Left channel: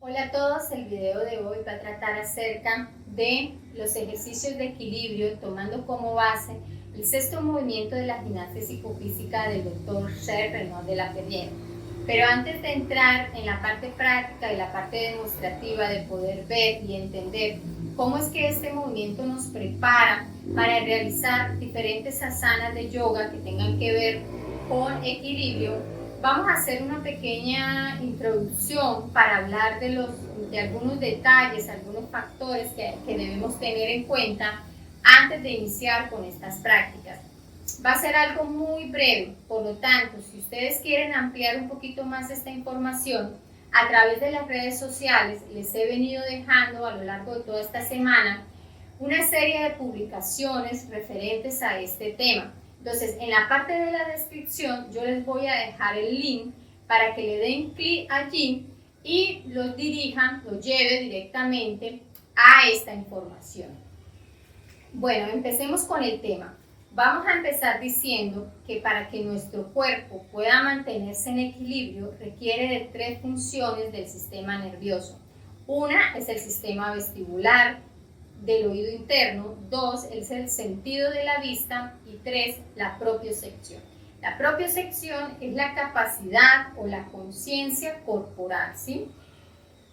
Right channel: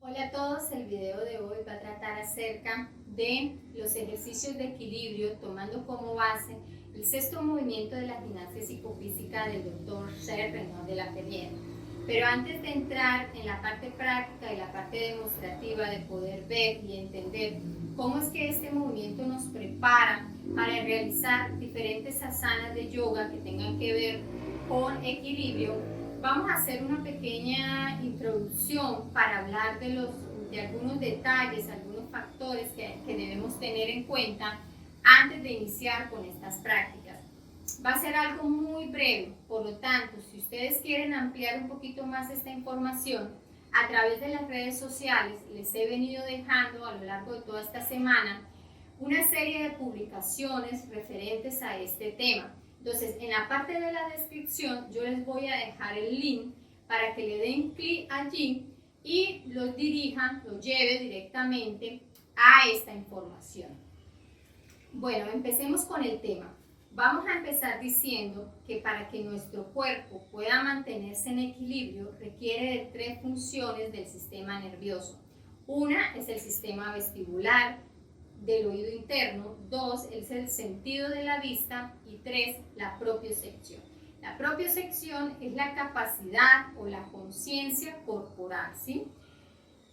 Hola a todos, el video de hoy va a tratar acerca de los ejercicios de equilibrio tomando como base el sexto movimiento de la gimnasia psicofísica del doctor Sher Renaud de la Perrière. Pero antes de entrar en la parte práctica y la parte demostrativa de poder ver y entender cómo es que este movimiento nos prepara para realizar diferentes asanas de yoga que tengan que ver con equilibrio, vamos a hacer una pequeña introducción para hablar de algunos detalles, algunos factores que debemos tener en cuenta antes de iniciar con estas prácticas. Va a ser algo muy breve, por lo tanto, si ustedes quieren ampliar un poquito más esta información, a través de las redes sociales les he venido dejando a lo largo de toda esta semana una serie de publicaciones referentes a este tema. Entonces, en la parte de la descripción yo les voy a dejar el link para que le den clic allí y los dirijan, los lleve directamente a esta información. Bueno, empecemos con el tema. Vamos a empezar diciendo que para que nuestro cuerpo pueda mantenerse en equilibrio requiere de tres funciones del sistema nervioso. Una es el sistema vestibular del oído interno, dos es el sentido de la vista y tres la propiocepción. La propiocepción es la capacidad o la conciencia corporal, ¿sí?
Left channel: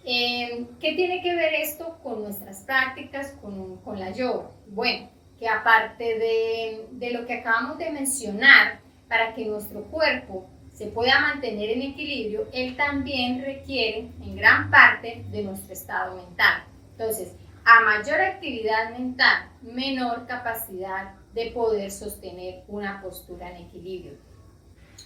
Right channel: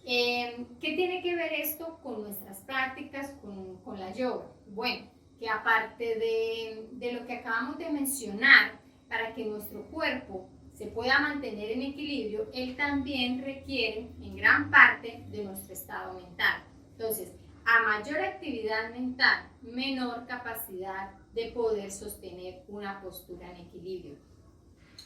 ¿Qué tiene que ver esto con nuestras prácticas, con la yoga? Bueno, que aparte de lo que acabamos de mencionar, para que nuestro cuerpo se pueda mantener en equilibrio, él también requiere en gran parte de nuestro estado mental. Entonces, a mayor actividad mental, menor capacidad de poder sostener una postura en equilibrio.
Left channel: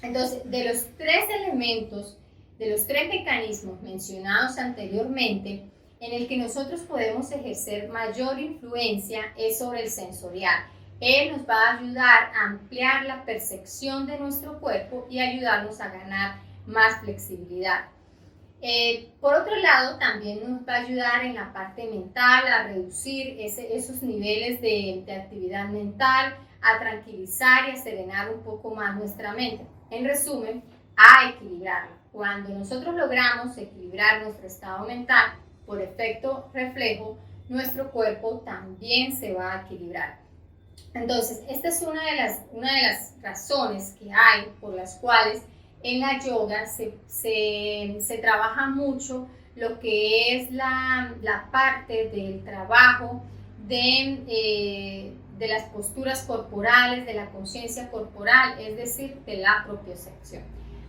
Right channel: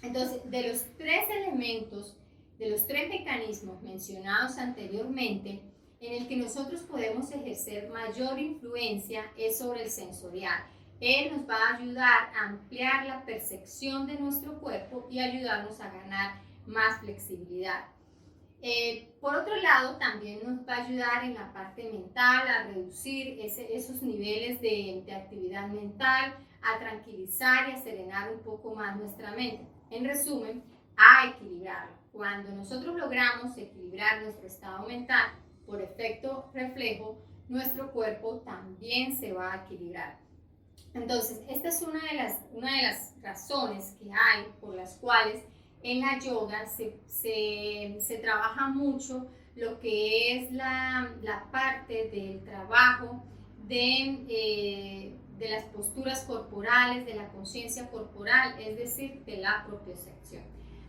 Entonces, de los tres elementos, de los tres mecanismos mencionados anteriormente, en el que nosotros podemos ejercer mayor influencia es sobre el sensorial. Él nos va a ayudar a ampliar la percepción de nuestro cuerpo y ayudarnos a ganar más flexibilidad. Por otro lado, también nos va a ayudar en la parte mental a reducir esos niveles de actividad mental, a tranquilizar y a serenar un poco más nuestra mente. En resumen, a equilibrarla. Cuando nosotros logramos equilibrar nuestro estado mental, por efecto reflejo, nuestro cuerpo también se va a equilibrar. Entonces, esta es una de las razones que hay por las cuales en la yoga se trabaja mucho lo que es la parte del trabajo de las posturas corporales, de la conciencia corporal, es decir, de la propiocepción.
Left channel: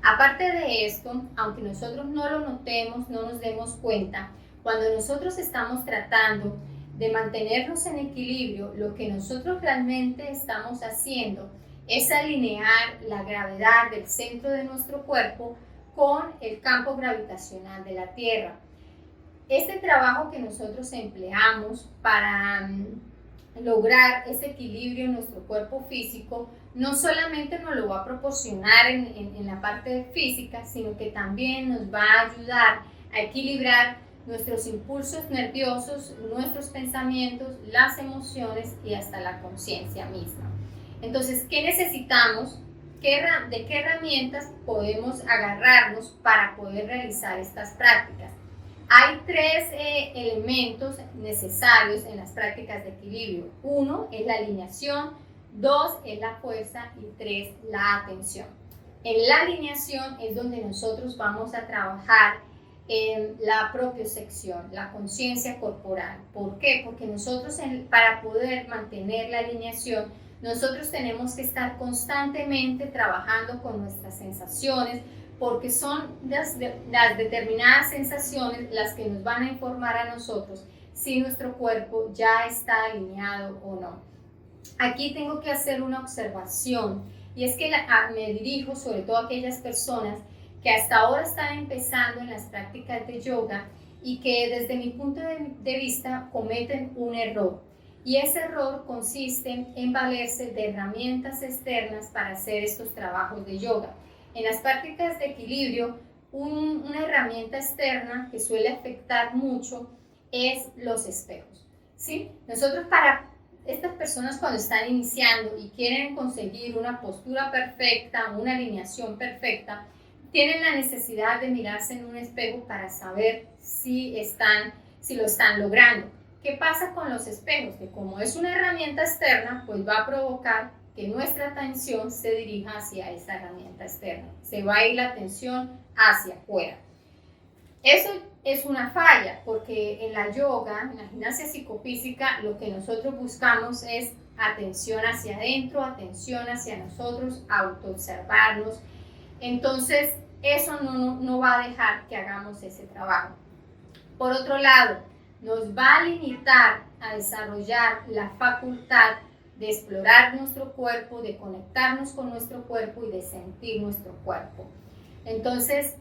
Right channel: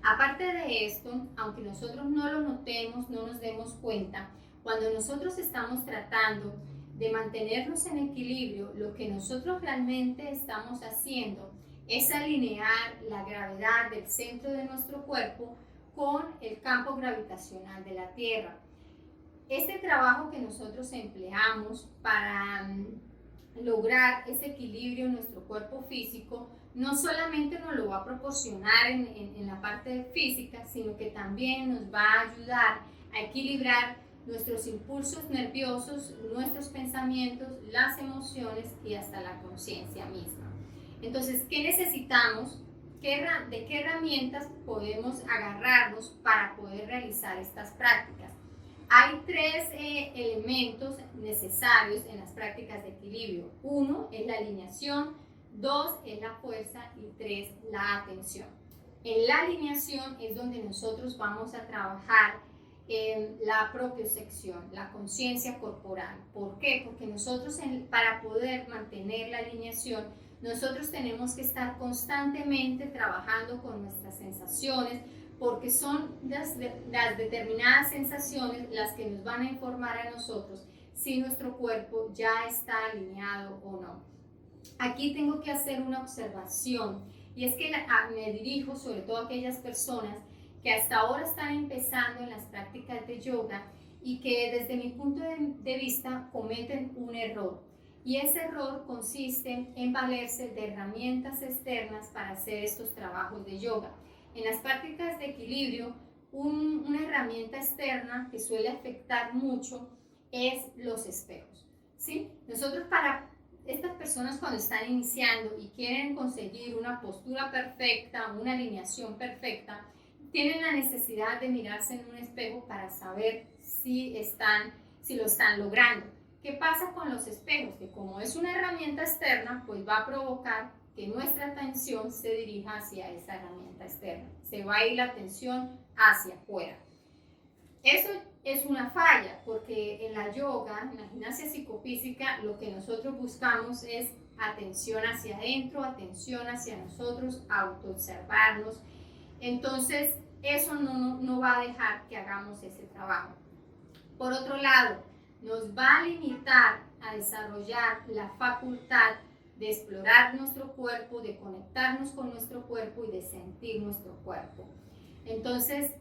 Aparte de esto, aunque nosotros no lo notemos, no nos demos cuenta, cuando nosotros estamos tratando de mantenernos en equilibrio, lo que nosotros realmente estamos haciendo es alinear la gravedad del centro de nuestro cuerpo con el campo gravitacional de la Tierra. Este trabajo que nosotros empleamos para lograr ese equilibrio en nuestro cuerpo físico no solamente nos lo va a proporcionar en la parte física, sino que también nos va a ayudar a equilibrar nuestros impulsos nerviosos, nuestros pensamientos, las emociones y hasta la conciencia misma. Entonces, ¿qué necesitamos? ¿De qué herramientas podemos agarrarnos para poder realizar estas prácticas? Hay tres elementos necesarios en las prácticas de equilibrio. Uno es la alineación, dos es la fuerza y tres la atención. En la alineación es donde nosotros vamos a trabajar en la propiocepción, la conciencia corporal. ¿Por qué? Porque nosotros para poder mantener la alineación, nosotros tenemos que estar constantemente trabajando con nuestras sensaciones, porque son las determinadas sensaciones las que nos van a informar a nosotros si nuestro cuerpo ya está alineado o no. Aquí tengo que hacer una observación y es que me dirijo sobre todo a aquellas personas que hasta ahora están empezando en las prácticas de yoga y que desde mi punto de vista cometen un error. Y ese error consiste en valerse de herramientas externas para hacer estos trabajos de yoga. En las prácticas de equilibrio, una herramienta externa que suele afectar mucho es los espejos, ¿sí? Nosotros para estas personas cuando están iniciando y quieren conseguir una postura perfecta, una alineación perfecta, tienen la necesidad de mirarse en un espejo para saber si lo están logrando. ¿Qué pasa con los espejos? Que como es una herramienta externa, pues va a provocar que nuestra atención se dirija hacia esa herramienta externa. Se va a ir la atención hacia afuera. Eso es una falla, porque en la yoga, en la gimnasia psicofísica, lo que nosotros buscamos es atención hacia adentro, atención hacia nosotros, autoobservarnos. Entonces, eso no va a dejar que hagamos ese trabajo. Por otro lado, nos va a limitar a desarrollar la facultad de explorar nuestro cuerpo, de conectarnos con nuestro cuerpo y de sentir nuestro cuerpo. Entonces,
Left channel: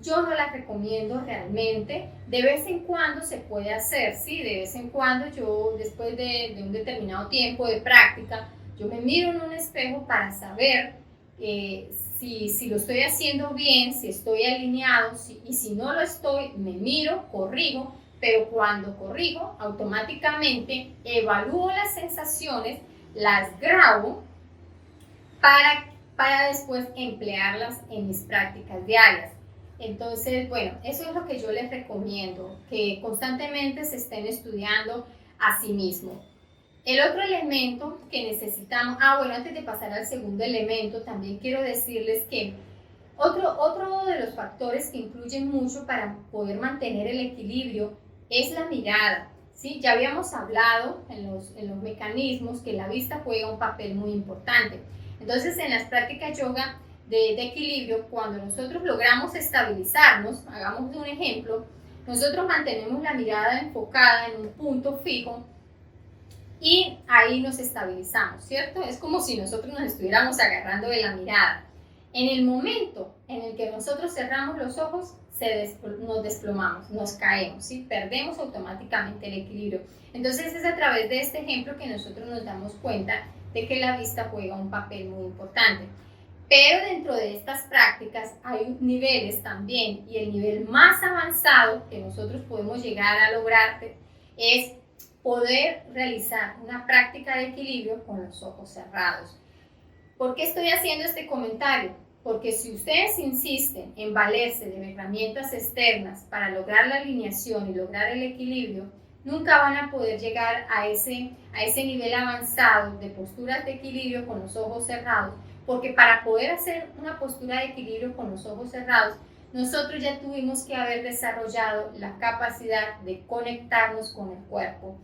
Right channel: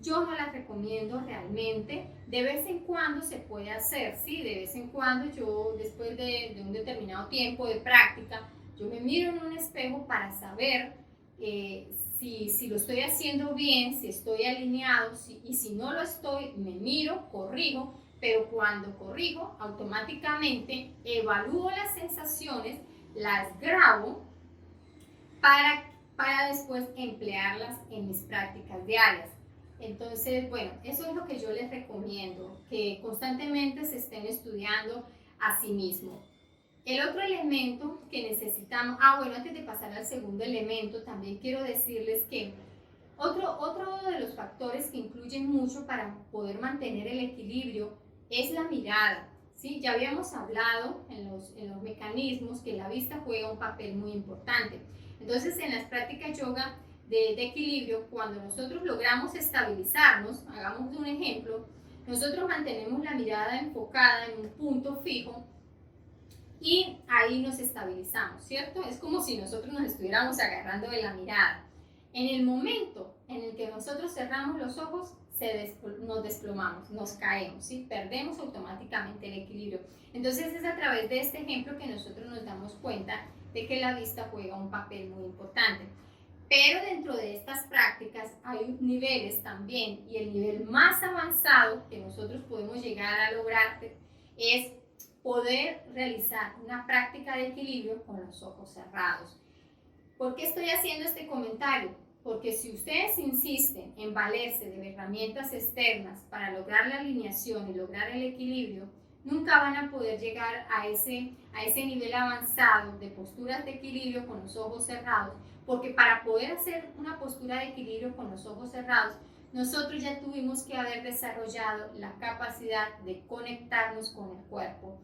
yo no las recomiendo realmente. De vez en cuando se puede hacer, sí, de vez en cuando yo, después de un determinado tiempo de práctica, yo me miro en un espejo para saber si lo estoy haciendo bien, si estoy alineado, y si no lo estoy, me miro, corrijo, pero cuando corrijo, automáticamente evalúo las sensaciones, las grabo para después emplearlas en mis prácticas diarias. Entonces, bueno, eso es lo que yo les recomiendo, que constantemente se estén estudiando a sí mismos. El otro elemento que necesitamos, bueno, antes de pasar al segundo elemento, también quiero decirles que otro de los factores que influyen mucho para poder mantener el equilibrio es la mirada, ¿sí? Ya habíamos hablado en los mecanismos que la vista juega un papel muy importante. Entonces, en las prácticas yoga de equilibrio, cuando nosotros logramos estabilizarnos, hagamos un ejemplo, nosotros mantenemos la mirada enfocada en un punto fijo y ahí nos estabilizamos, ¿cierto? Es como si nosotros nos estuviéramos agarrando de la mirada. En el momento en el que nosotros cerramos los ojos, nos desplomamos, nos caemos, ¿sí? Perdemos automáticamente el equilibrio. Entonces es a través de este ejemplo que nosotros nos damos cuenta de que la vista juega un papel muy importante. Pero dentro de estas prácticas hay niveles también, y el nivel más avanzado que nosotros podemos llegar a lograr es poder realizar una práctica de equilibrio con los ojos cerrados. ¿Por qué estoy haciendo este comentario? Porque si ustedes insisten en valerse de herramientas externas para lograr la alineación y lograr el equilibrio, nunca van a poder llegar a ese nivel avanzado de posturas de equilibrio con los ojos cerrados, porque para poder hacer una postura de equilibrio con los ojos cerrados, nosotros ya tuvimos que haber desarrollado la capacidad de conectarnos con el cuerpo,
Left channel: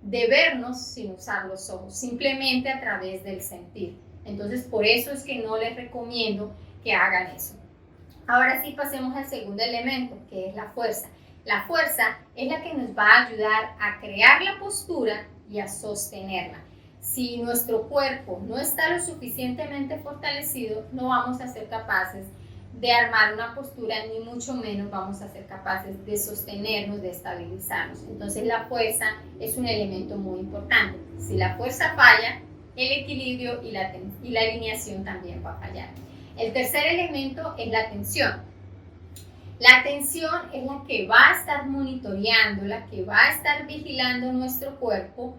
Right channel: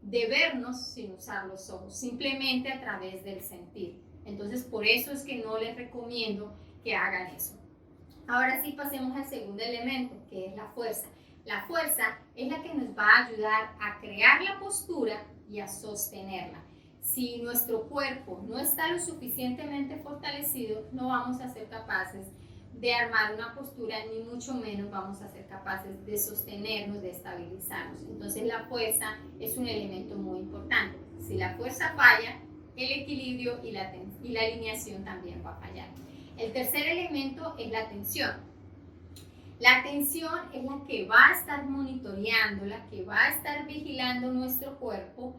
de vernos sin usar los ojos, simplemente a través del sentir. Entonces, por eso es que no les recomiendo que hagan eso. Ahora sí, pasemos al segundo elemento, que es la fuerza. La fuerza es la que nos va a ayudar a crear la postura y a sostenerla. Si nuestro cuerpo no está lo suficientemente fortalecido, no vamos a ser capaces de armar una postura, ni mucho menos vamos a ser capaces de sostenernos, de estabilizarnos. Entonces la fuerza es un elemento muy importante. Si la fuerza falla, el equilibrio y la alineación también va a fallar. El tercer elemento es la atención. La atención es la que va a estar monitoreando, la que va a estar vigilando nuestro cuerpo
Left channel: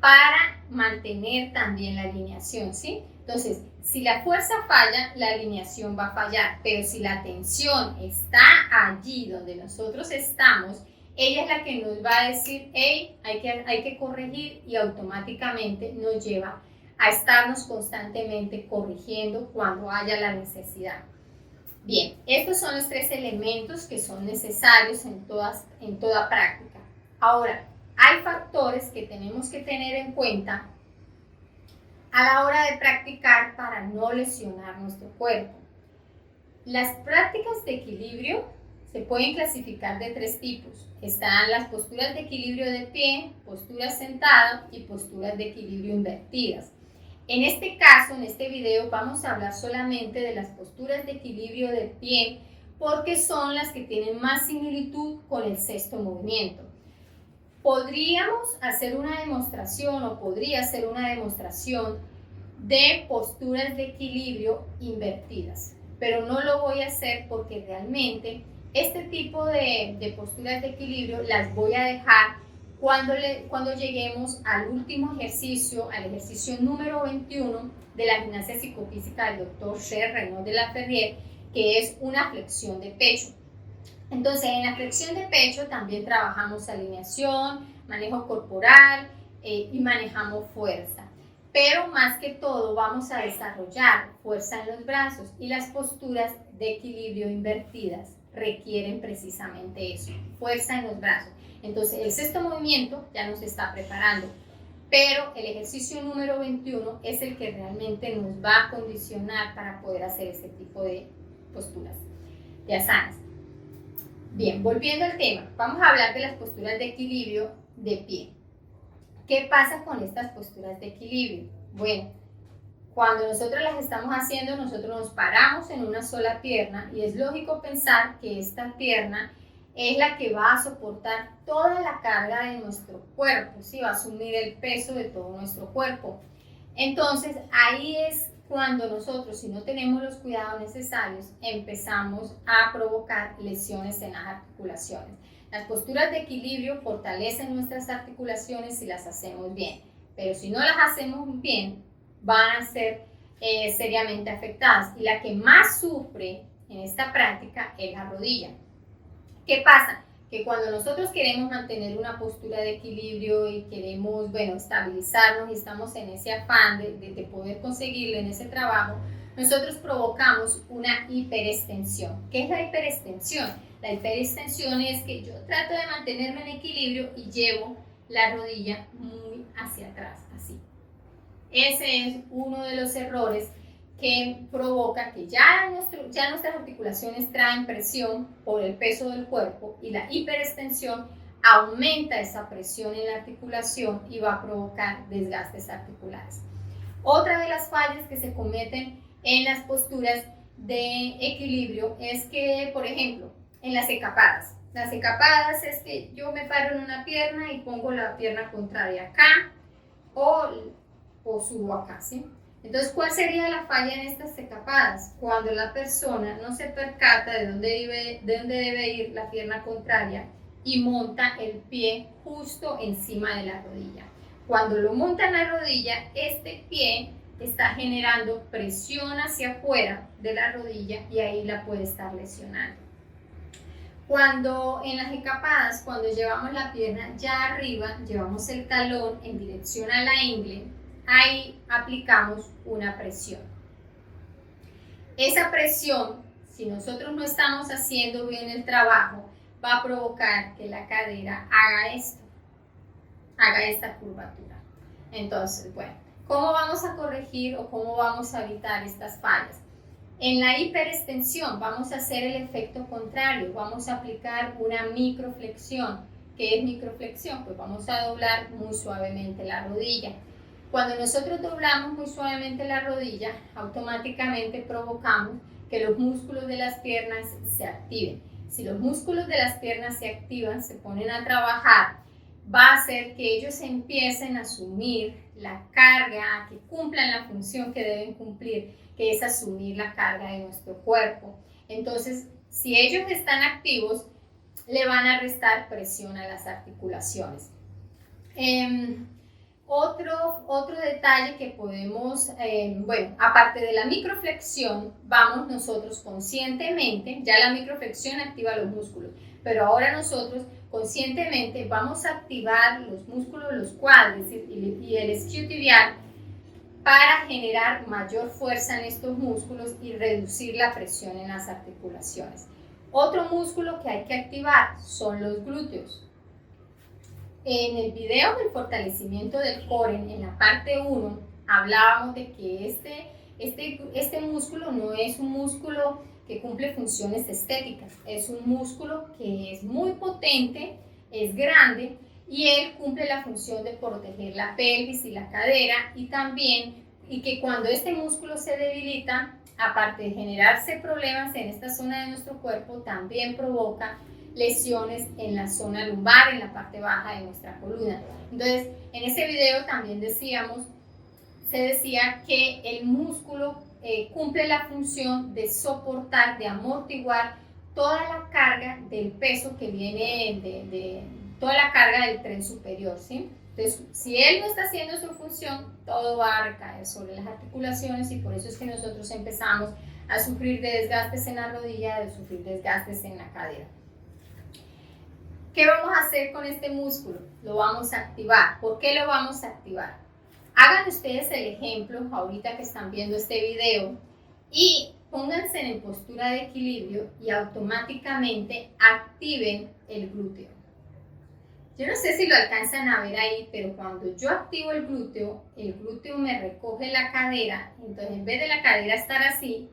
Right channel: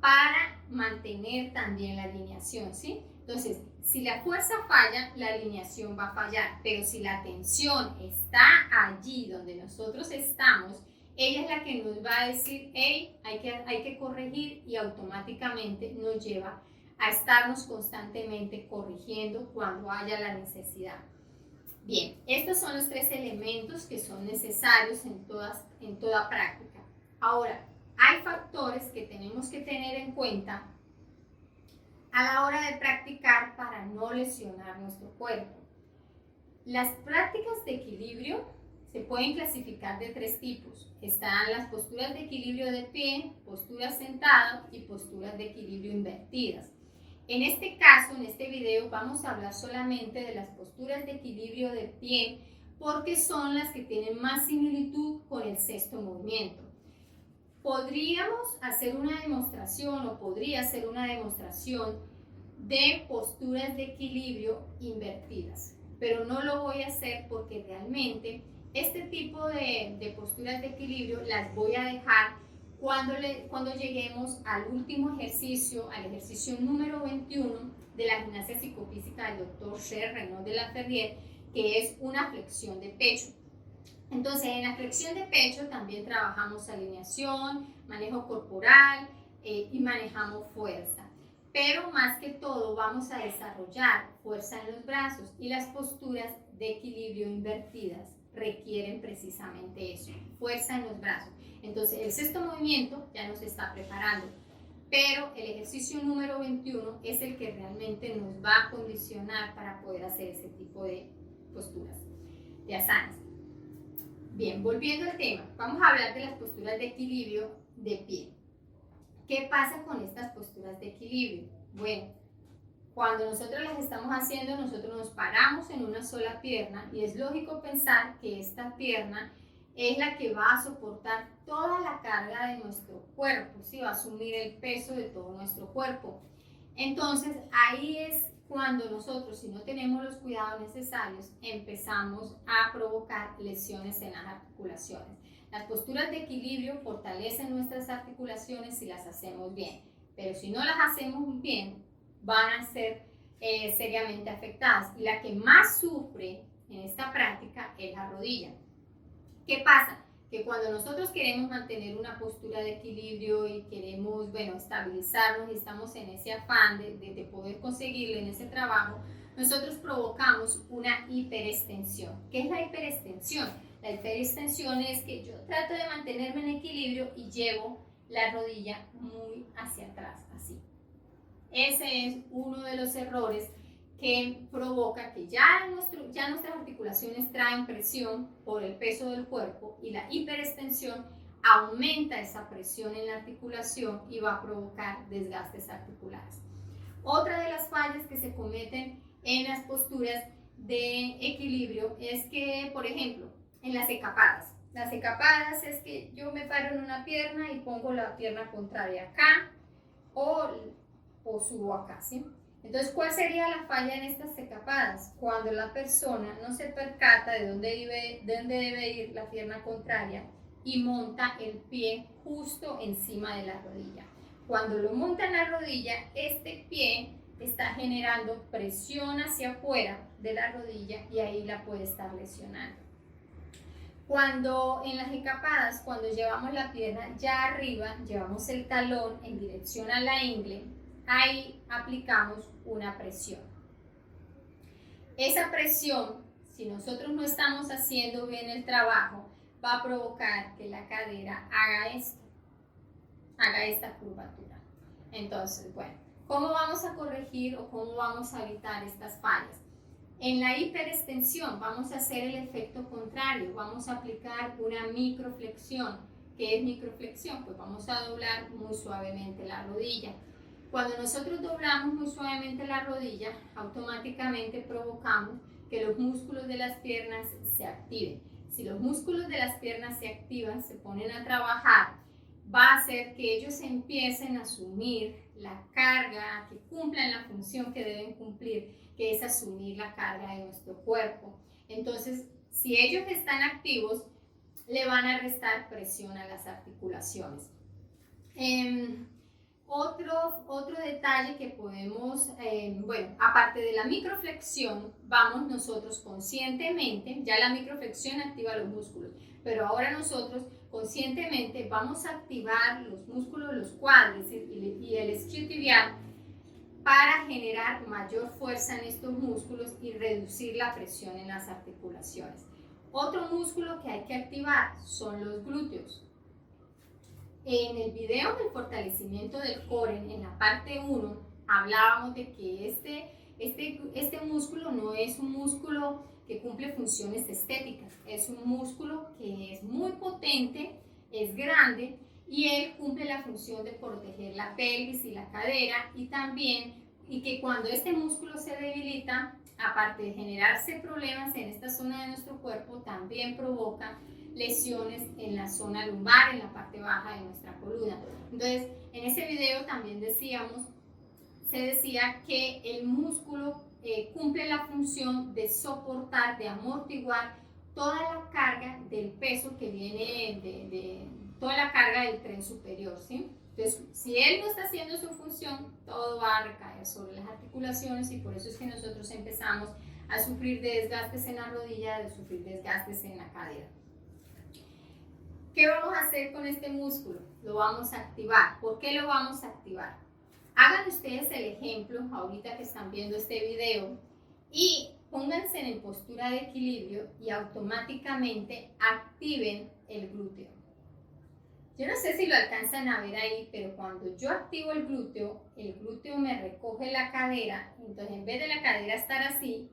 para mantener también la alineación, ¿sí? Entonces, si la fuerza falla, la alineación va a fallar, pero si la atención está allí donde nosotros estamos, ella es la que nos va a decir, hey, hay que corregir, y automáticamente nos lleva a estarnos constantemente corrigiendo cuando haya la necesidad. Bien, estos son los tres elementos que son necesarios en toda práctica. Ahora, hay factores que tenemos que tener en cuenta a la hora de practicar para no lesionar nuestro cuerpo. Las prácticas de equilibrio se pueden clasificar de tres tipos. Están las posturas de equilibrio de pie, posturas sentadas y posturas de equilibrio invertidas. En este caso, en este video, vamos a hablar solamente de las posturas de equilibrio de pie, porque son las que tienen más similitud con el sexto movimiento. Podríamos hacer una demostración, o podría hacer una demostración de posturas de equilibrio invertidas, pero no lo voy a hacer porque realmente este tipo de posturas de equilibrio las voy a dejar cuando lleguemos al último ejercicio, al ejercicio número 21 de la gimnasia psicofísica del Dr. Sher Renaud de la Ferrier, que es una flexión de pecho. Entonces, en la flexión de pecho también trabajamos alineación, manejo corporal y manejamos fuerza. Pero más que todo vamos a desarrollar fuerza en los brazos, y las posturas de equilibrio invertidas requieren precisamente eso, fuerza en los brazos. Entonces, el sexto movimiento ya nos está preparando, pero el ejercicio número 21 es el que realmente nos va a condicionar para poder hacer ese tipo de posturas, de asanas. Bien, volviendo al tema, vamos a hablar de las posturas de equilibrio de pie. ¿Qué pasa con estas posturas de equilibrio? Bueno, cuando nosotros las estamos haciendo, nosotros nos paramos en una sola pierna, y es lógico pensar que esta pierna es la que va a soportar toda la carga de nuestro cuerpo, ¿sí? Va a asumir el peso de todo nuestro cuerpo. Entonces, ahí es cuando nosotros, si no tenemos los cuidados necesarios, empezamos a provocar lesiones en las articulaciones. Las posturas de equilibrio fortalecen nuestras articulaciones si las hacemos bien, pero si no las hacemos bien, van a ser seriamente afectadas, y la que más sufre en esta práctica es la rodilla. ¿Qué pasa? Que cuando nosotros queremos mantener una postura de equilibrio y queremos, bueno, estabilizarnos, y estamos en ese afán de poder conseguirlo en ese trabajo, nosotros provocamos una hiperextensión. ¿Qué es la hiperextensión? La hiperextensión es que yo trato de mantenerme en equilibrio y llevo la rodilla muy hacia atrás, así. Ese es uno de los errores que provoca que ya nuestras articulaciones traen presión por el peso del cuerpo, y la hiperextensión aumenta esa presión en la articulación y va a provocar desgastes articulares. Otra de las fallas que se cometen en las posturas de equilibrio es que, por ejemplo, en las ecapadas. Las ecapadas es que yo me paro en una pierna y pongo la pierna contraria acá, o subo acá, ¿sí? Entonces, ¿cuál sería la falla en estas ecapadas? Cuando la persona no se percata de dónde debe ir la pierna contraria y monta el pie justo encima de la rodilla. Cuando lo monta en la rodilla, este pie está generando presión hacia afuera de la rodilla, y ahí la puede estar lesionando. Cuando en las encapadas, cuando llevamos la pierna ya arriba, llevamos el talón en dirección a la ingle, ahí aplicamos una presión. Esa presión, si nosotros no estamos haciendo bien el trabajo, va a provocar que la cadera haga esta curvatura. Entonces, bueno, ¿cómo vamos a corregir o cómo vamos a evitar estas fallas? En la hiperextensión vamos a hacer el efecto contrario, vamos a aplicar una microflexión. ¿Qué es microflexión? Pues vamos a doblar muy suavemente la rodilla. Cuando nosotros doblamos muy suavemente la rodilla, automáticamente provocamos que los músculos de las piernas se activen. Si los músculos de las piernas se activan, se ponen a trabajar, va a hacer que ellos empiecen a asumir la carga, que cumplan la función que deben cumplir, que es asumir la carga de nuestro cuerpo. Entonces, si ellos están activos, le van a restar presión a las articulaciones. Otro detalle que podemos, bueno, aparte de la microflexión, vamos nosotros conscientemente, ya la microflexión activa los músculos, pero ahora nosotros conscientemente vamos a activar los músculos de los cuádriceps y el isquiotibial para generar mayor fuerza en estos músculos y reducir la presión en las articulaciones. Otro músculo que hay que activar son los glúteos. En el video del fortalecimiento del core, en la parte 1, hablábamos de que este músculo no es un músculo que cumple funciones estéticas, es un músculo que es muy potente, es grande, y él cumple la función de proteger la pelvis y la cadera, y que cuando este músculo se debilita, aparte de generarse problemas en esta zona de nuestro cuerpo, también provoca lesiones en la zona lumbar, en la parte baja de nuestra columna. Entonces, en ese video también se decía que el músculo cumple la función de soportar, de amortiguar toda la carga del peso que viene de toda la carga del tren superior, ¿sí? Entonces, si él no está haciendo su función, todo va a recaer sobre las articulaciones, y por eso es que nosotros empezamos a sufrir de desgastes en la rodilla, de sufrir desgastes en la cadera. ¿Qué vamos a hacer con este músculo? Lo vamos a activar. ¿Por qué lo vamos a activar? Hagan ustedes el ejemplo ahorita que están viendo este video y pónganse en postura de equilibrio y automáticamente activen el glúteo. Yo no sé si lo alcanzan a ver ahí, pero cuando yo activo el glúteo me recoge la cadera, entonces en vez de la cadera estar así,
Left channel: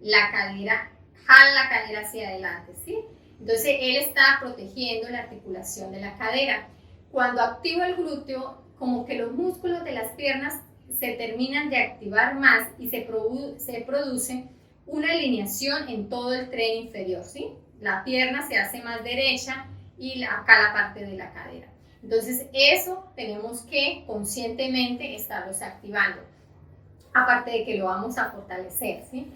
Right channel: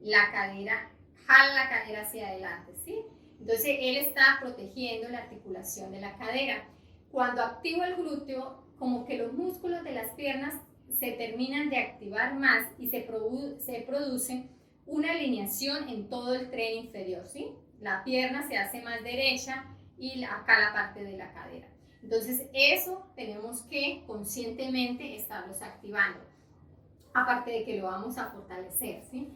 la cadera jala la cadera hacia adelante, ¿sí? Entonces él está protegiendo la articulación de la cadera. Cuando activo el glúteo, como que los músculos de las piernas se terminan de activar más y se produce una alineación en todo el tren inferior, ¿sí? La pierna se hace más derecha y acá la parte de la cadera. Entonces eso tenemos que conscientemente estarlos activando, aparte de que lo vamos a fortalecer, ¿sí?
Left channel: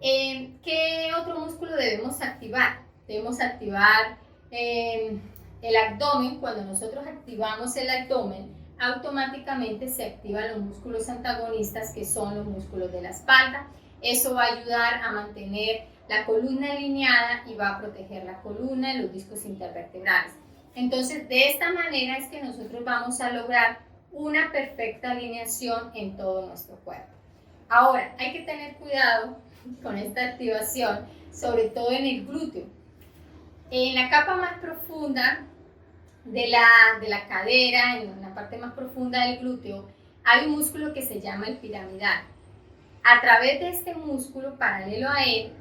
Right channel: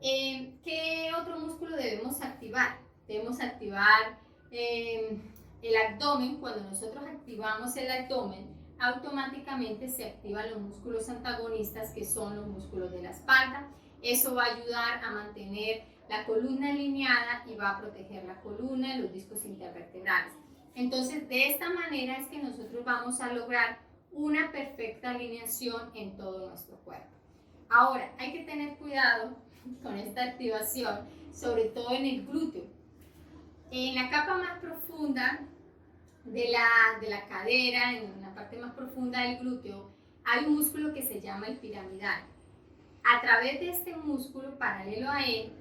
¿Qué otro músculo debemos activar? Debemos activar el abdomen. Cuando nosotros activamos el abdomen, automáticamente se activan los músculos antagonistas, que son los músculos de la espalda. Eso va a ayudar a mantener la columna alineada y va a proteger la columna y los discos intervertebrales. Entonces, de esta manera es que nosotros vamos a lograr una perfecta alineación en todo nuestro cuerpo. Ahora, hay que tener cuidado con esta activación, sobre todo en el glúteo. En la capa más profunda de la cadera, en la parte más profunda del glúteo, hay un músculo que se llama el piramidal. A través de este músculo, paralelo a él,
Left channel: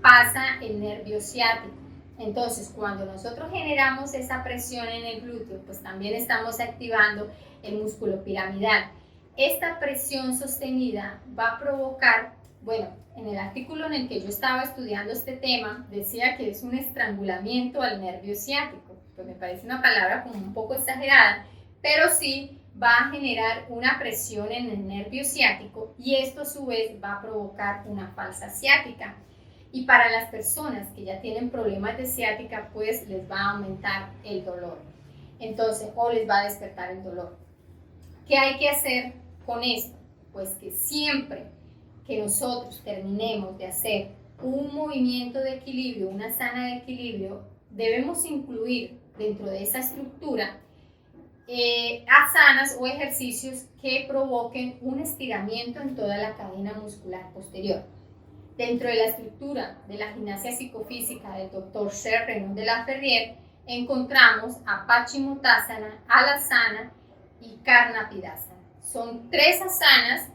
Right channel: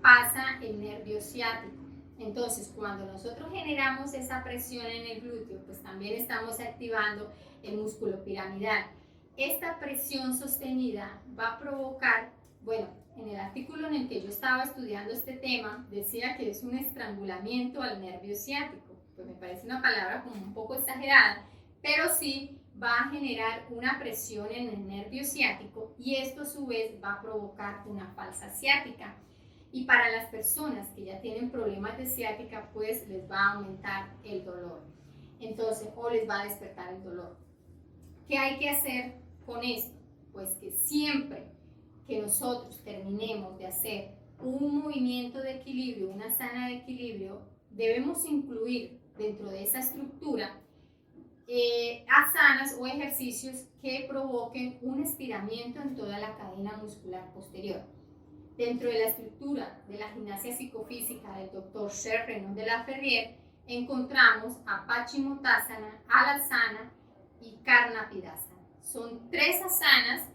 pasa el nervio ciático. Entonces, cuando nosotros generamos esa presión en el glúteo, pues también estamos activando el músculo piramidal. Esta presión sostenida va a provocar, bueno, en el artículo en el que yo estaba estudiando este tema, decía que es un estrangulamiento al nervio ciático. Pues me parece una palabra como un poco exagerada, pero sí va a generar una presión en el nervio ciático y esto a su vez va a provocar una falsa ciática. Y para las personas que ya tienen problemas de ciática, pues les va a aumentar el dolor. Entonces, o les va a despertar el dolor. ¿Qué hay que hacer con esto? Pues que siempre que nosotros terminemos de hacer un movimiento de equilibrio, una sana de equilibrio, debemos incluir dentro de esa estructura asanas o ejercicios que provoquen un estiramiento en toda la cadena muscular posterior. Dentro de la estructura de la gimnasia psicofísica del Dr. Sher Renaud de la Ferrier, encontramos a Paschimottanasana, Alasana y Karnapidasana. Son 3 asanas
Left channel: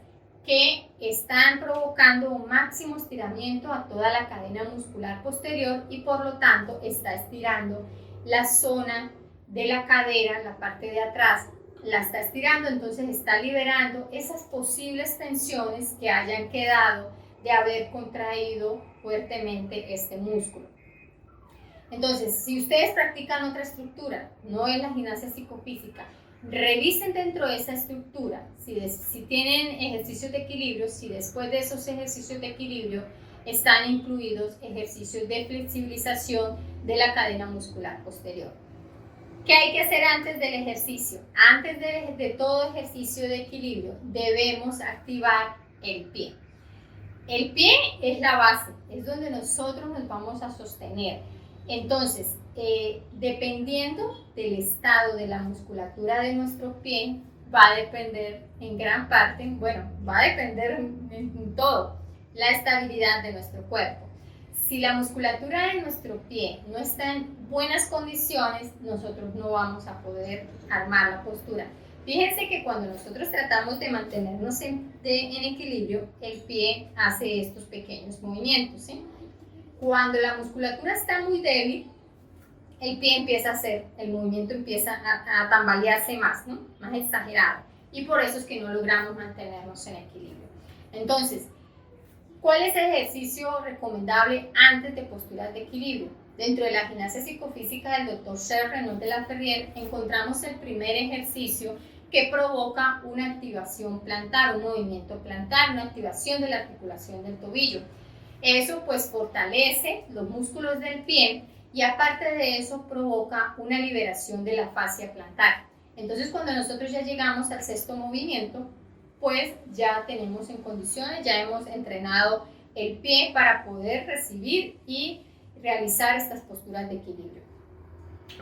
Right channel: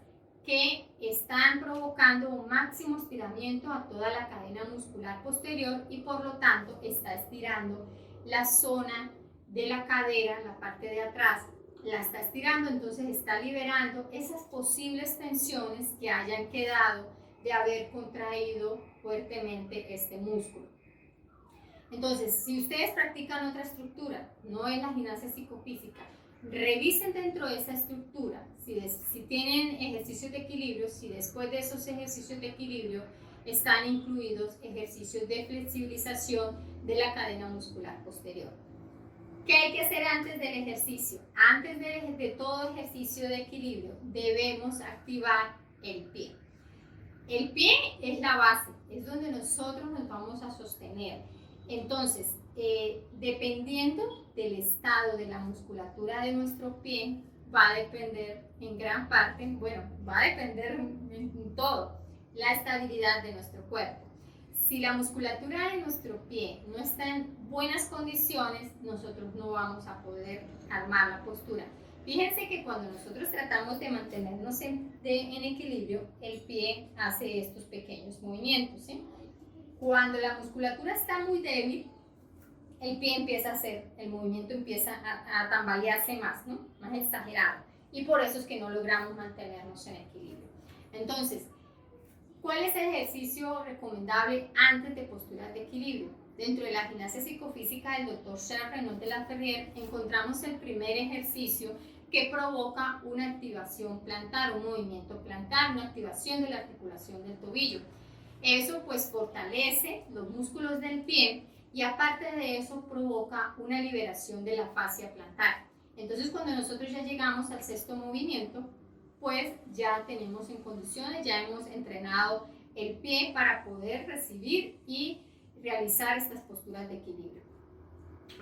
que están provocando un máximo estiramiento a toda la cadena muscular posterior y por lo tanto está estirando la zona de la cadera, la parte de atrás, la está estirando, entonces está liberando esas posibles tensiones que hayan quedado de haber contraído fuertemente este músculo. Entonces, si ustedes practican otra estructura, no es la gimnasia psicofísica, revisen dentro de esa estructura, si tienen ejercicios de equilibrio, si después de esos ejercicios de equilibrio están incluidos ejercicios de flexibilización de la cadena muscular posterior. ¿Qué hay que hacer antes del ejercicio? Antes de todo ejercicio de equilibrio, debemos activar el pie. El pie es la base, es donde nosotros nos vamos a sostener. Entonces, dependiendo del estado de la musculatura de nuestro pie, va a depender en gran parte, bueno, va a depender en todo, la estabilidad de nuestro cuerpo. Si la musculatura de nuestro pie no está en buenas condiciones, nosotros no vamos a poder armar la postura. Fíjense que cuando nosotros tratamos de mantenernos en equilibrio, el pie hace estos pequeños movimientos, ¿sí? Cuando la musculatura está muy débil, el pie empieza a hacer, el movimiento empieza a tambalearse más, ¿no? Más exagerado. Y por eso es que no logramos mantenernos en equilibrio. Entonces, ¿cuál es el ejercicio recomendable antes de posturas de equilibrio? Dentro de la gimnasia psicofísica del Dr. Sher Renaud de la Ferrier encontramos el primer ejercicio que provoca una activación plantar, un movimiento plantar, una activación de la articulación del tobillo. Eso pues fortalece los músculos del pie y aparte de eso provoca una liberación de la fascia plantar. Entonces cuando nosotros ya llegamos al 6º movimiento, pues ya tenemos en condiciones, ya hemos entrenado el pie para poder recibir y realizar estas posturas de equilibrio.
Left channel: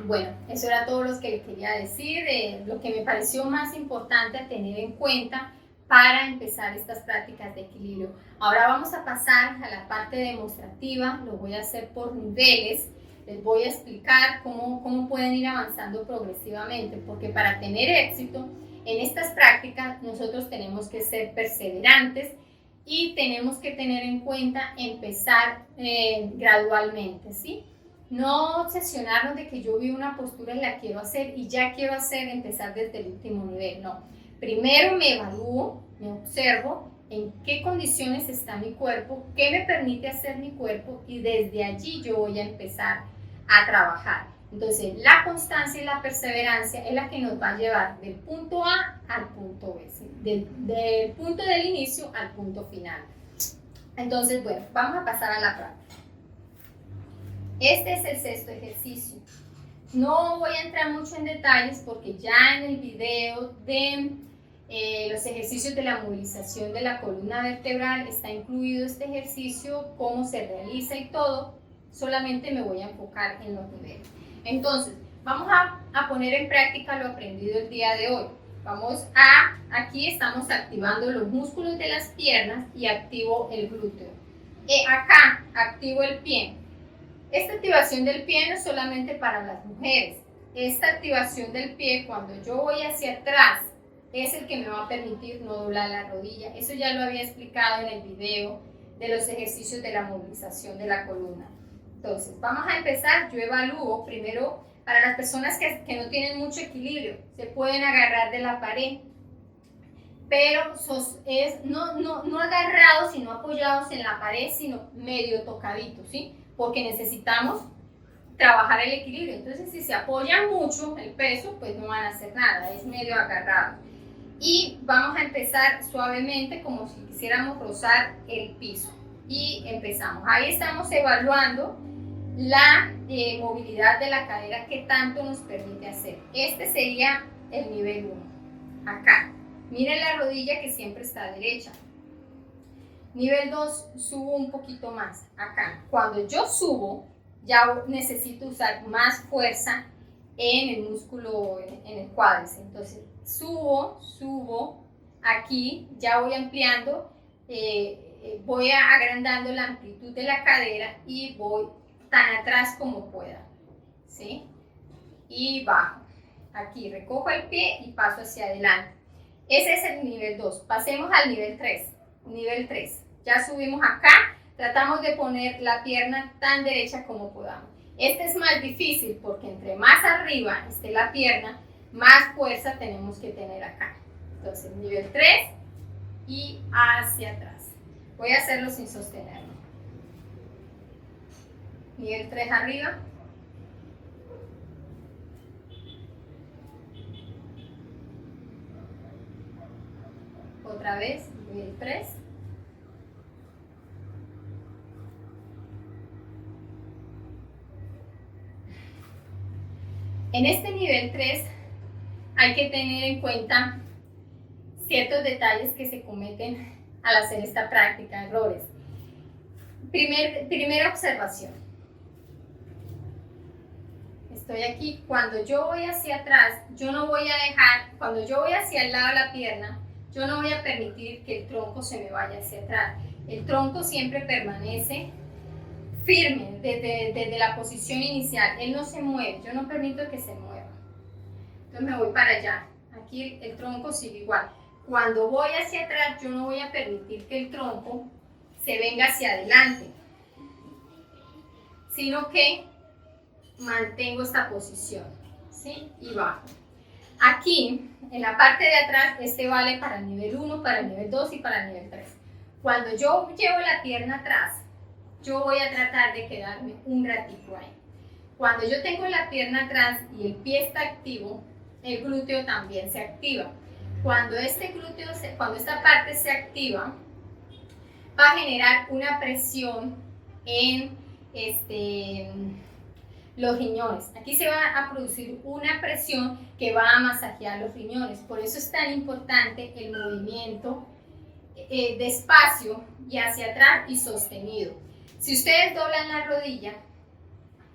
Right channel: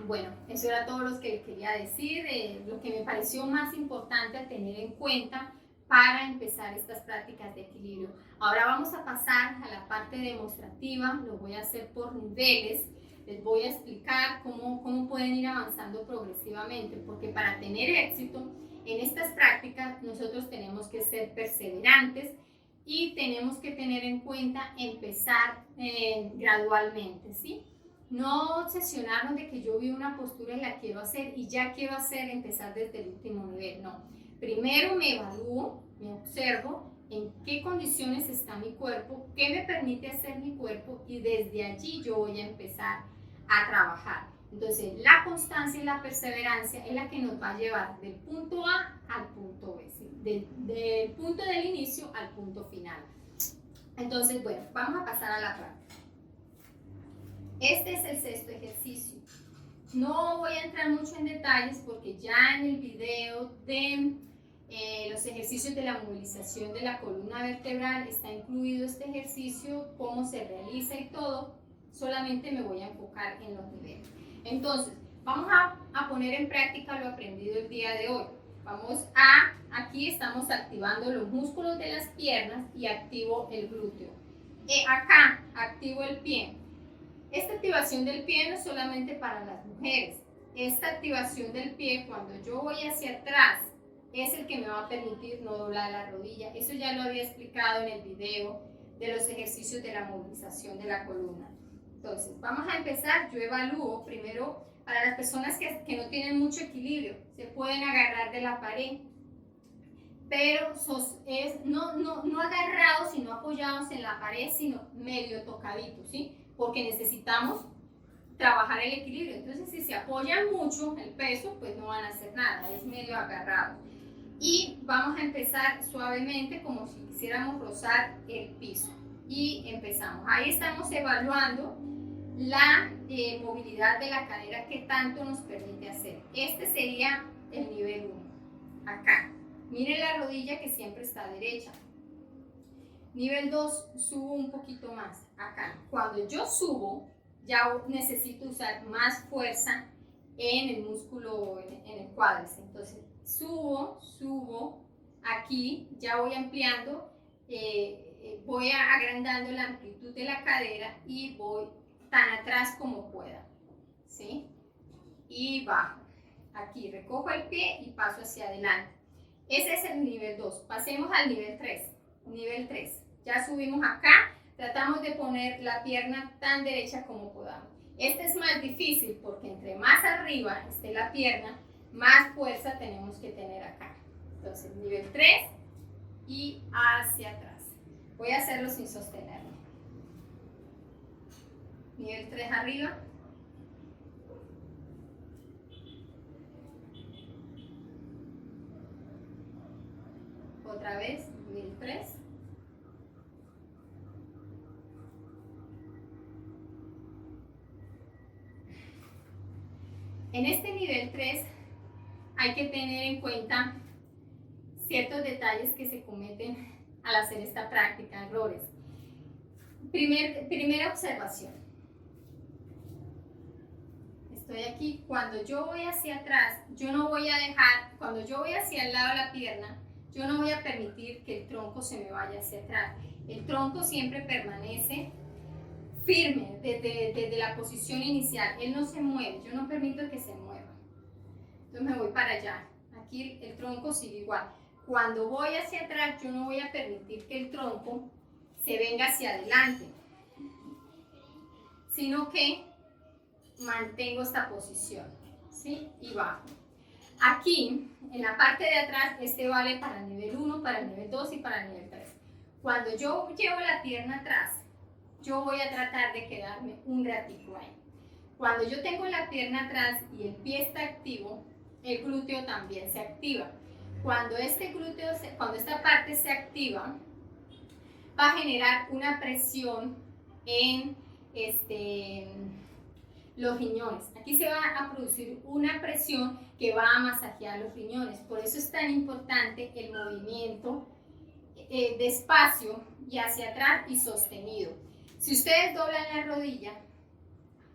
Bueno, eso era todo lo que les quería decir, lo que me pareció más importante a tener en cuenta para empezar estas prácticas de equilibrio. Ahora vamos a pasar a la parte demostrativa, lo voy a hacer por niveles, les voy a explicar cómo pueden ir avanzando progresivamente, porque para tener éxito en estas prácticas nosotros tenemos que ser perseverantes y tenemos que tener en cuenta empezar gradualmente, ¿sí? No obsesionarnos de que yo vi una postura y la quiero hacer y ya quiero empezar desde el último nivel, no. Primero me evalúo, me observo en qué condiciones está mi cuerpo, qué me permite hacer mi cuerpo y desde allí yo voy a empezar a trabajar. Entonces, la constancia y la perseverancia es la que nos va a llevar del punto A al punto B, ¿sí? del punto del inicio al punto final. Entonces, bueno, vamos a pasar a la práctica. Este es el sexto ejercicio. No voy a entrar mucho en detalles porque ya en el video de los ejercicios de la movilización de la columna vertebral está incluido este ejercicio, cómo se realiza y todo. Solamente me voy a enfocar en los niveles. Entonces, vamos a poner en práctica lo aprendido el día de hoy. Aquí estamos activando los músculos de las piernas y activo el glúteo. Acá activo el pie. Esta activación del pie no es solamente para las mujeres. Esta activación del pie, cuando yo voy hacia atrás, es el que me va a permitir no doblar la rodilla. Eso ya lo había explicado en el video de los ejercicios de la movilización de la columna. Entonces, vamos a empezar. Yo evalúo primero para las personas que no tienen mucho equilibrio. Se pueden agarrar de la pared, pero no agarrados, sino apoyados en la pared, sino medio tocaditos, ¿sí? Porque necesitamos trabajar el equilibrio. Entonces, si se apoyan mucho el peso, pues no van a hacer nada, es medio agarrado. Y vamos a empezar suavemente, como si quisiéramos rozar el piso. Y empezamos. Ahí estamos evaluando la movilidad de la cadera que tanto nos permite hacer. Este sería el nivel 1. Acá. Miren la rodilla que siempre está derecha. Nivel 2, subo un poquito más, acá. Cuando yo subo, ya necesito usar más fuerza en el músculo, en el cuádriceps. Entonces, subo, aquí ya voy ampliando, voy agrandando la amplitud de la cadera y voy tan atrás como pueda, ¿sí? Y bajo. Aquí recojo el pie y paso hacia adelante. Ese es el nivel 2. Pasemos al nivel 3. Nivel 3. Ya subimos acá, tratamos de poner la pierna tan derecha como podamos. Este es más difícil porque entre más arriba esté la pierna, más fuerza tenemos que tener acá. Entonces, nivel 3 y hacia atrás. Voy a hacerlo sin sostenerlo. Nivel 3 arriba. Otra vez, nivel 3. En este nivel 3 hay que tener en cuenta ciertos detalles que se cometen al hacer esta práctica, errores. Primera observación. Estoy aquí, cuando yo voy hacia atrás, yo no voy a dejar, cuando yo voy hacia el lado de la pierna, yo no voy a permitir que el tronco se me vaya hacia atrás. El tronco siempre permanece firme desde la posición inicial, él no se mueve, yo no permito que se mueva. Entonces me voy para allá, aquí el tronco sigue igual. Cuando voy hacia atrás, yo no voy a permitir que el tronco se venga hacia adelante, sino que mantengo esta posición, ¿sí? Y bajo. Aquí, en la parte de atrás, este vale para el nivel 1, para el nivel 2 y para el nivel 3. Cuando yo llevo la pierna atrás, yo voy a tratar de quedarme un ratito ahí. Cuando yo tengo la pierna atrás y el pie está activo, el glúteo también se activa. Cuando esta parte se activa, va a generar una presión en los riñones. Aquí se va a producir una presión que va a masajear los riñones. Por eso es tan importante el movimiento despacio y hacia atrás y sostenido. Si ustedes doblan la rodilla,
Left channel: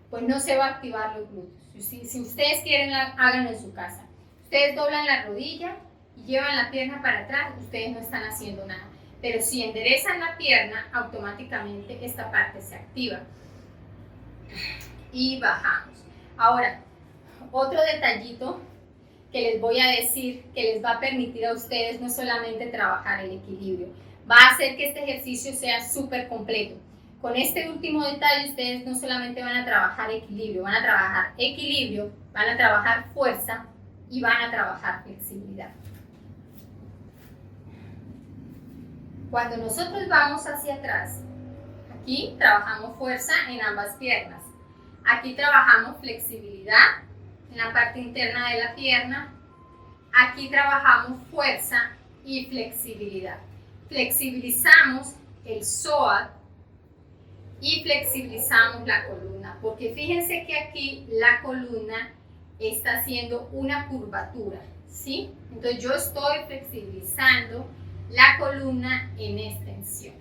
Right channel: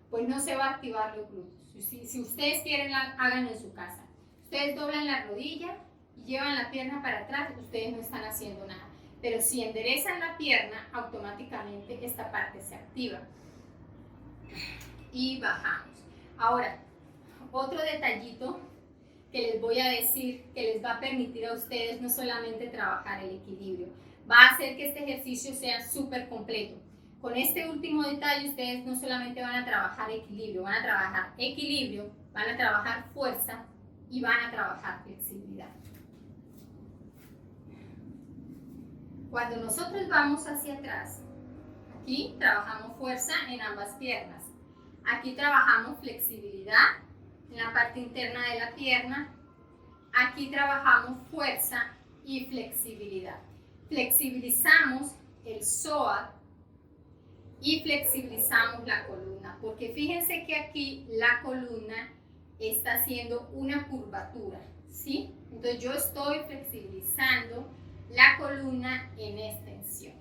pues no se va a activar los glúteos. Si ustedes quieren, háganlo en su casa. Ustedes doblan la rodilla y llevan la pierna para atrás, ustedes no están haciendo nada. Pero si enderezan la pierna, automáticamente esta parte se activa. Y bajamos. Ahora, otro detallito que les voy a decir que les va a permitir a ustedes no solamente trabajar el equilibrio, va a hacer que este ejercicio sea súper completo. Con este último detalle ustedes no solamente van a trabajar equilibrio, van a trabajar fuerza y van a trabajar flexibilidad. Cuando nosotros vamos hacia atrás, aquí trabajamos fuerza en ambas piernas. Aquí trabajamos flexibilidad en la parte interna de la pierna. Aquí trabajamos fuerza y flexibilidad. Flexibilizamos el psoas y flexibilizamos la columna, porque fíjense que aquí la columna está haciendo una curvatura, ¿sí? Entonces yo estoy flexibilizando la columna en extensión.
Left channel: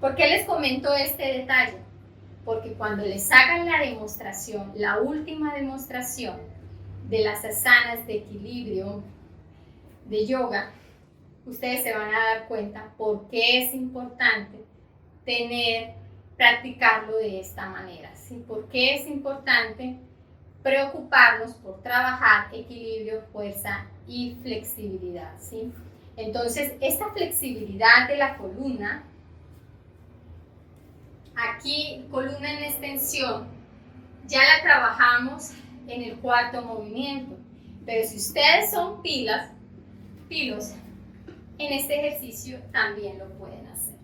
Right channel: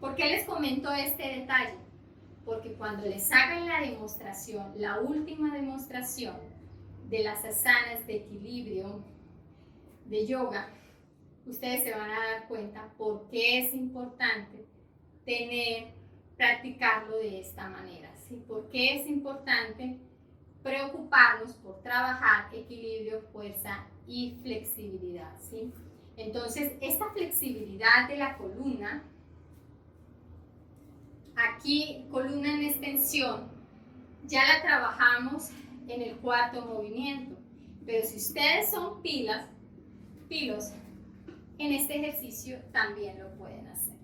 ¿Por qué les comento este detalle? Porque cuando les hagan la demostración, la última demostración de las asanas de equilibrio de yoga, ustedes se van a dar cuenta por qué es importante practicarlo de esta manera, ¿sí? Por qué es importante preocuparnos por trabajar equilibrio, fuerza y flexibilidad, ¿sí? Entonces, esta flexibilidad de la columna, aquí columna en extensión, ya la trabajamos en el cuarto movimiento, pero si ustedes son pilos, en este ejercicio también lo pueden hacer.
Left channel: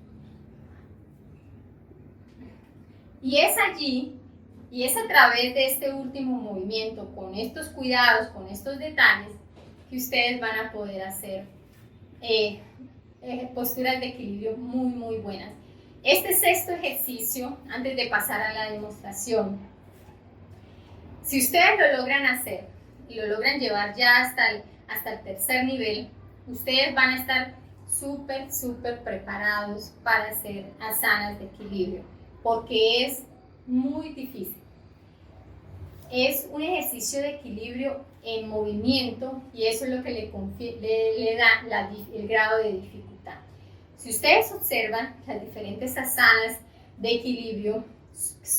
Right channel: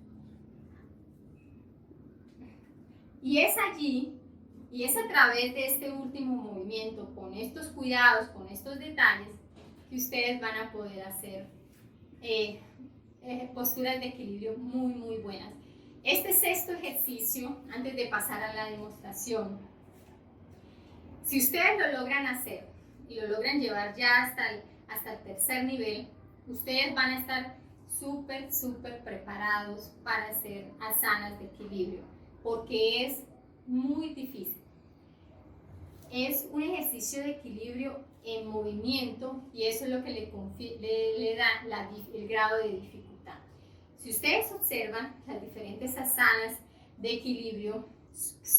Y es allí, y es a través de este último movimiento, con estos cuidados, con estos detalles, que ustedes van a poder hacer posturas de equilibrio muy, muy buenas. Este sexto ejercicio, antes de pasar a la demostración, si ustedes lo logran hacer y lo logran llevar ya hasta el tercer nivel, ustedes van a estar súper preparados para hacer asanas de equilibrio, porque es muy difícil. Es un ejercicio de equilibrio en movimiento y eso es lo que le da el grado de dificultad. Si ustedes observan, las diferentes asanas de equilibrio,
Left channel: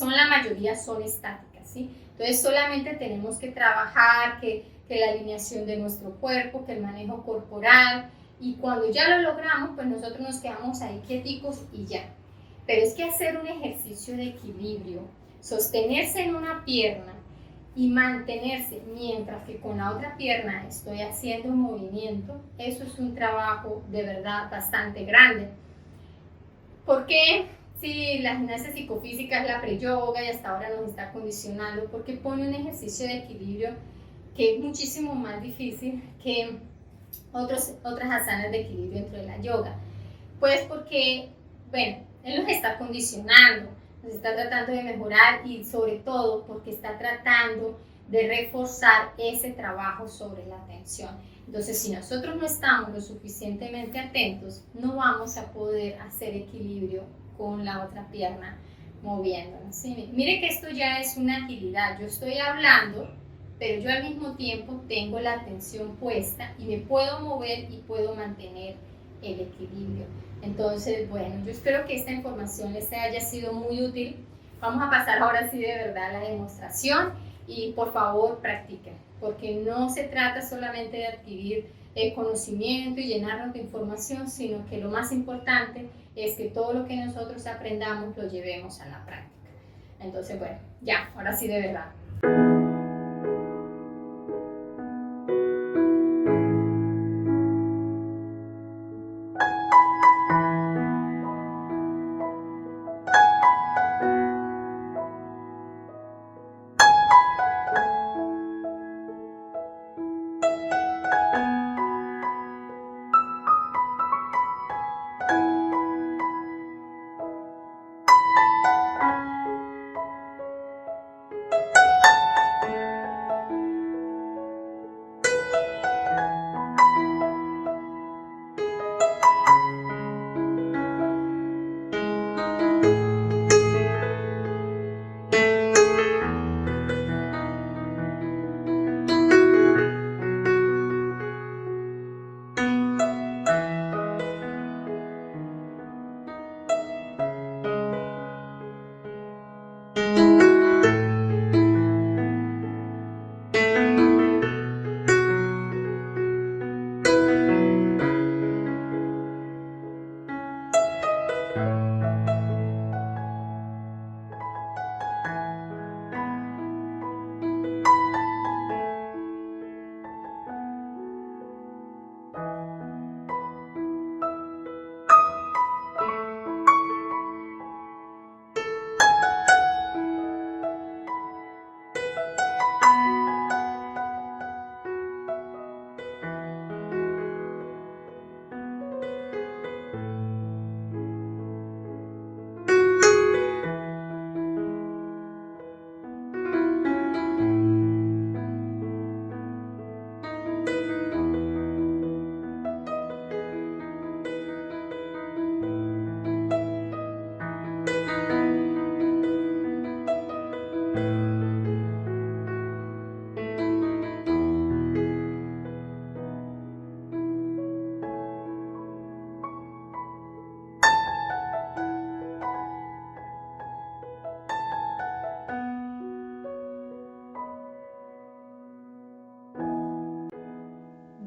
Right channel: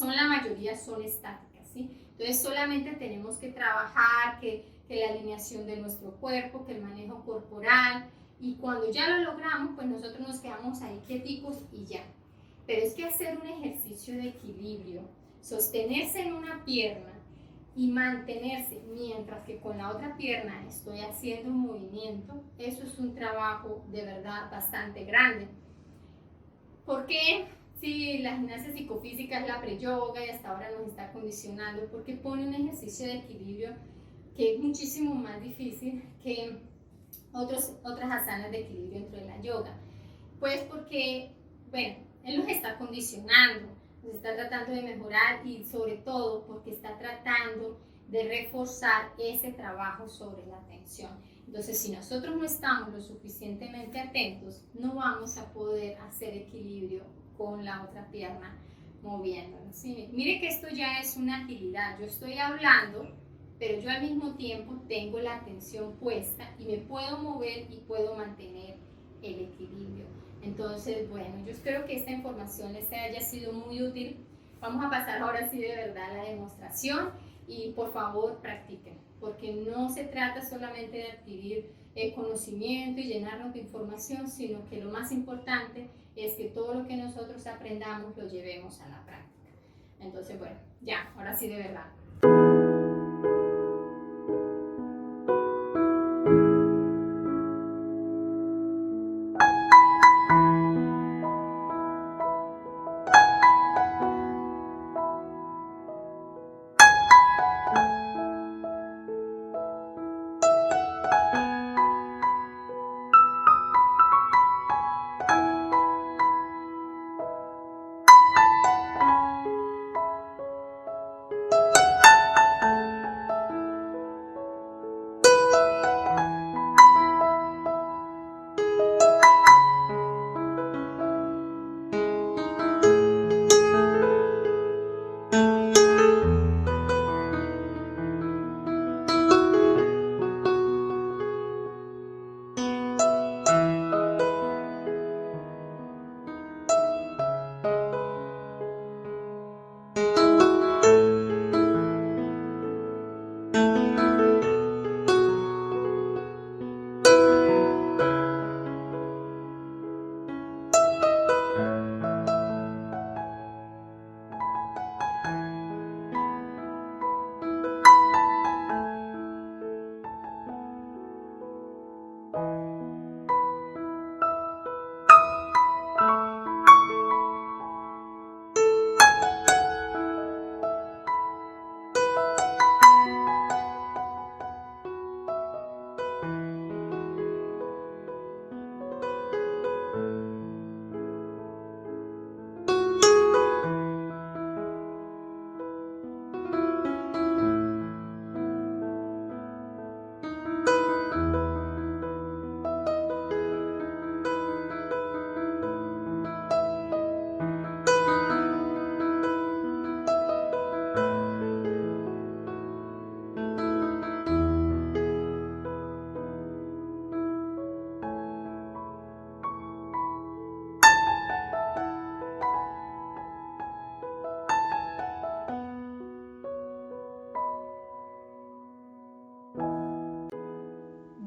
la mayoría son estáticas, ¿sí? Entonces solamente tenemos que trabajar que la alineación de nuestro cuerpo, que el manejo corporal, y cuando ya lo logramos, pues nosotros nos quedamos ahí quieticos y ya. Pero es que hacer un ejercicio de equilibrio, sostenerse en una pierna y mantenerse mientras que con la otra pierna estoy haciendo un movimiento, eso es un trabajo de verdad bastante grande. ¿Por qué? Si la gimnasia psicofísica es la pre-yoga y hasta ahora nos está condicionando, porque pone un ejercicio de equilibrio que es muchísimo más difícil que otras asanas de equilibrio dentro de la yoga. Pues porque, bueno, él nos está condicionando, nos está tratando de mejorar y sobre todo porque está tratando de reforzar ese trabajo sobre la atención. Entonces, si nosotros no estamos lo suficientemente atentos, no vamos a poder hacer equilibrio con la otra pierna moviéndonos. ¿Sí? Mire que esto ya es una agilidad. Yo estoy hablando, pero yo al mismo tiempo tengo la atención puesta y me puedo mover y puedo mantener el equilibrio. Entonces, bueno, yo espero que esta información les haya sido muy útil. Vamos a pasar ahora sí de verdad a la demostración y por favor practiquen, porque no se trata solamente de adquirir conocimiento y llenarnos de información, sino que lo más importante es que todo lo que nosotros aprendamos lo llevemos a la práctica. Entonces, bueno, ya, ahora sí de verdad.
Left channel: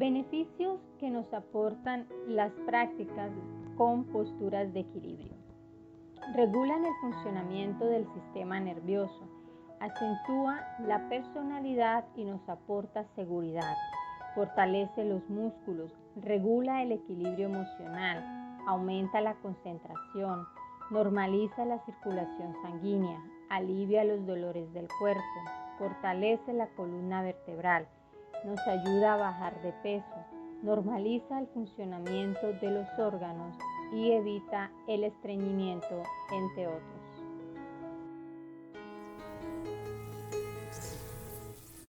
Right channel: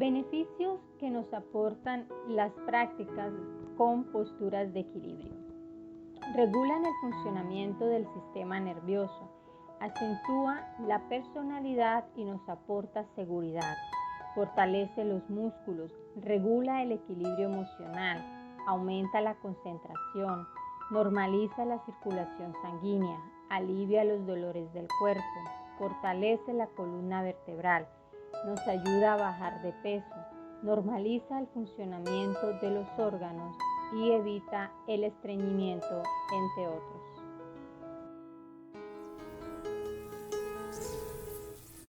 Beneficios que nos aportan las prácticas con posturas de equilibrio. Regulan el funcionamiento del sistema nervioso, acentúa la personalidad y nos aporta seguridad, fortalece los músculos, regula el equilibrio emocional, aumenta la concentración, normaliza la circulación sanguínea, alivia los dolores del cuerpo, fortalece la columna vertebral, nos ayuda a bajar de peso, normaliza el funcionamiento de los órganos y evita el estreñimiento, entre otros.